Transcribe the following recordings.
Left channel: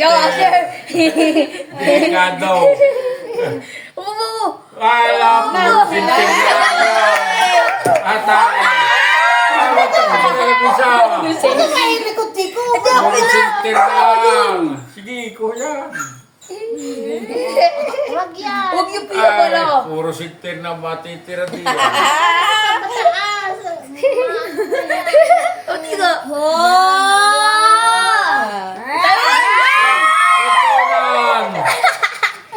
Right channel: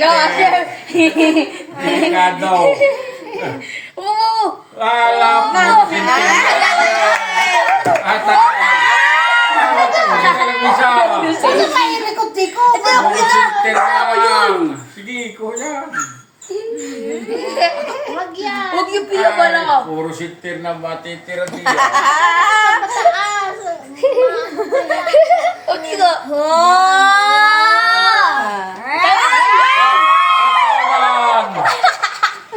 Ikaw, Asher. Delikado. Alam mo, Ano ba yung likod-liko? Sige, kuya. Wag yan. Huwag yung piya pala. Puro sinter na matitira diyan. Mataas. O, tiga.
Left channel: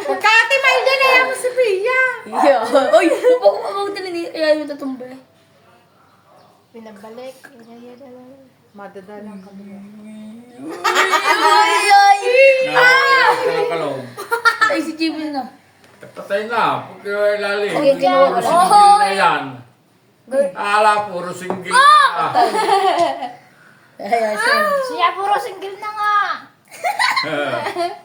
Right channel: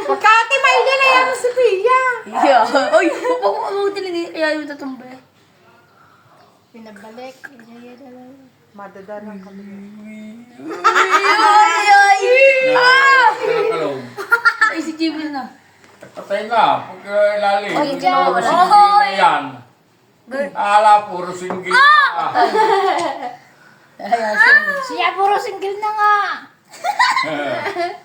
Pagkati may din na yan mo si Pia. Yeah. Oy, huwag din kaya yung tatumba. Pinabalik. Madadala kami. Ay, ay. Nakakalog. Ay, si Jimmy na. Patay na. Pag ilalim. Ay, ginawa wala. Single na yan. Ala, puro single na. Ay, Asher. Siya puro single na nga.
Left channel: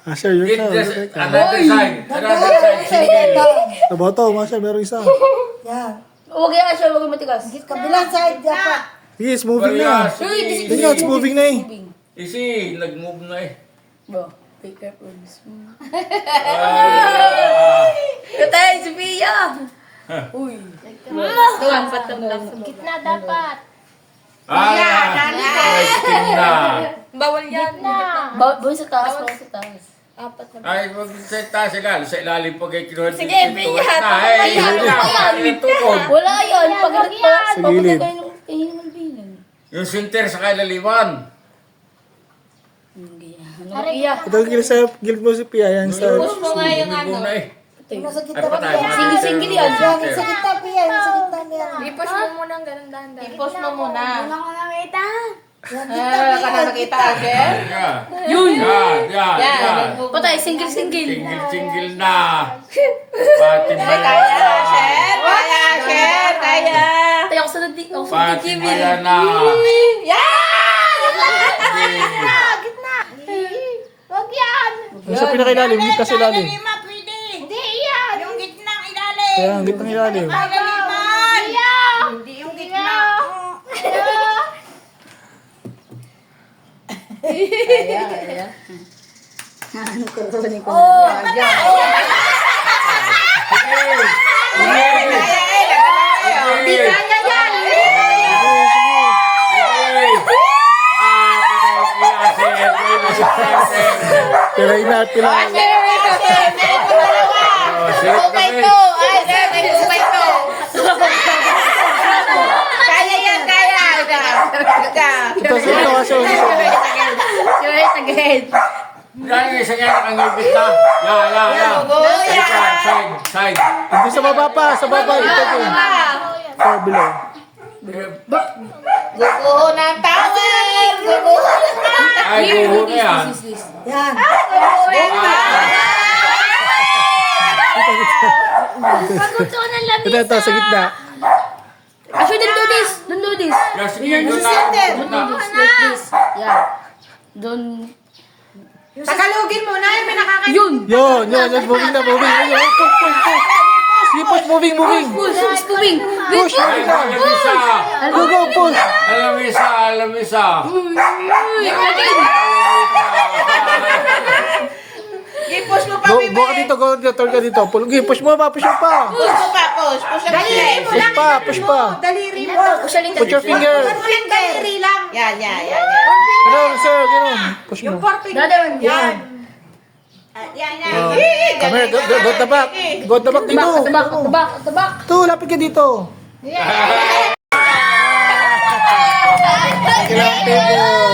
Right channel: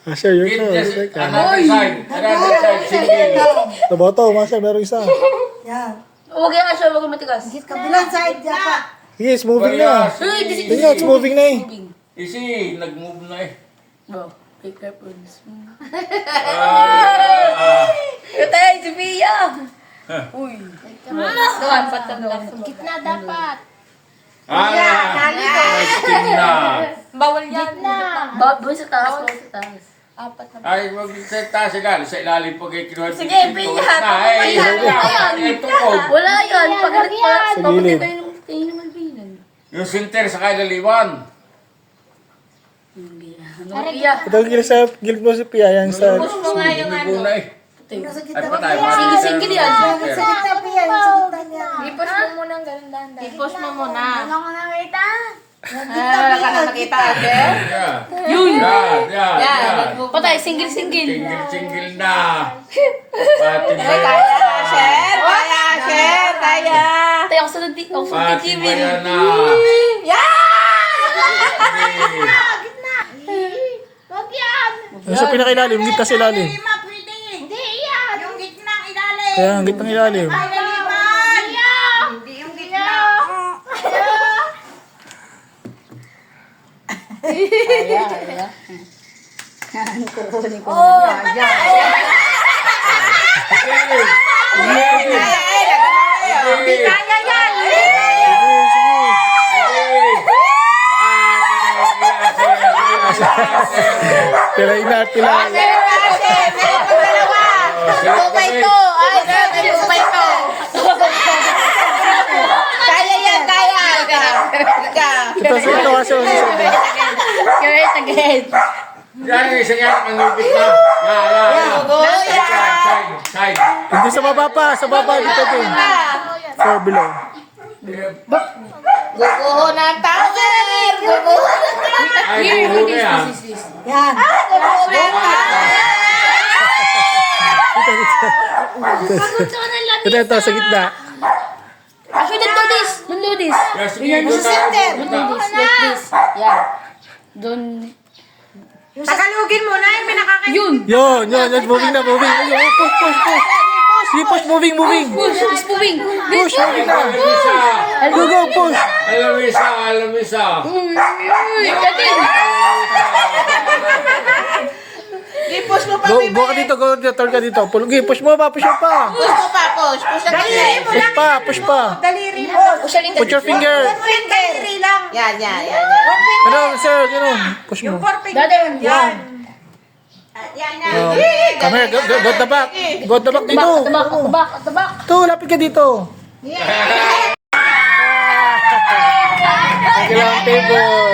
Asher, yun Get na. this, Teka. another side. Another side, single. Sabato, Masher, meron isa. Yan. Huwag yung Asher, huwag yung matigas. Kabilang side dapat. Sige, it's moving na. Uy, this is Tingnan, it's moving na eh. Easy, nag-move na eh. Bo, take careful. Ah. Tayo, si Pia. Uy. Dapat na. Gitna dapat. Sting na. Bawal yan. Bawal sa taas, bawal sa taas. Apat na. Ay, wag sa taas sila. Sa ilalim po kayo kinuha. Sige, Pia. Wala yan. Pagalit pa. Sa gilid. Kayo naman bilan. Yung sinter sa kailaliman. Ano, Pia? Ito ang gilid sa gilid mo si Pia. Yan sa... Push mo nga yung ano. Muna eh. Nasa Ay, gitna patay. Pia. Single-single yan. Yan, sa gitna Pia. Sa gitna niya. I-push mo muna ang ganun dahan-dahan. I-push mo muna. Wala ko nakita. Wala ka na nakita, Asher? Yun. Yan. Patay, single-single. Single na. Pati ba? Kaya, Asher? Kaya, Asher? Kaya. Tayo ako sa Pati TV. ba yan na? Gitna. Wag yan. Yung sa pinakailalim, gitna sa ilalim. Hindi yan. Yung gitna ilalim. Kaya ang gitnang ilalim. Hindi yung gitna. Hindi kaya yan. Pilay na, pilay. Kaya yan, kaya. Ito, Asher. Yes, again. Yan, isa yan ang ngipit na. Side. Hindi sa baba pa, sa baba. Dito din. Or below. Guguho ng tower. Guguho. Ay, buho na yan. Yan. Ito, sa gitna. Actually, don't do this. Don't do this. Yan, Don't do this. Like this. Yeah. Don't. Tagalogin mo na yung pinakakita. Yun. Yun, moving na, moving. Ayun, push. Sige, push, moving. Push. It's moving. Push, moving na. Alamisa. Go, push. Alamisa. Again. I-push mo pa, Go ka dito, turn ka dito. Push mo pa. Push mo pa, push. Push ang daliri mo lang. Push pa. Daliri mo. Put your finger. Yung daliri lang. Yan. Ano, sir, ganun. Push mo. Dada. Yan. Come here, go at the back. Go at the back dito. Tabak. Ito, lapit ka dito. Kailangan table.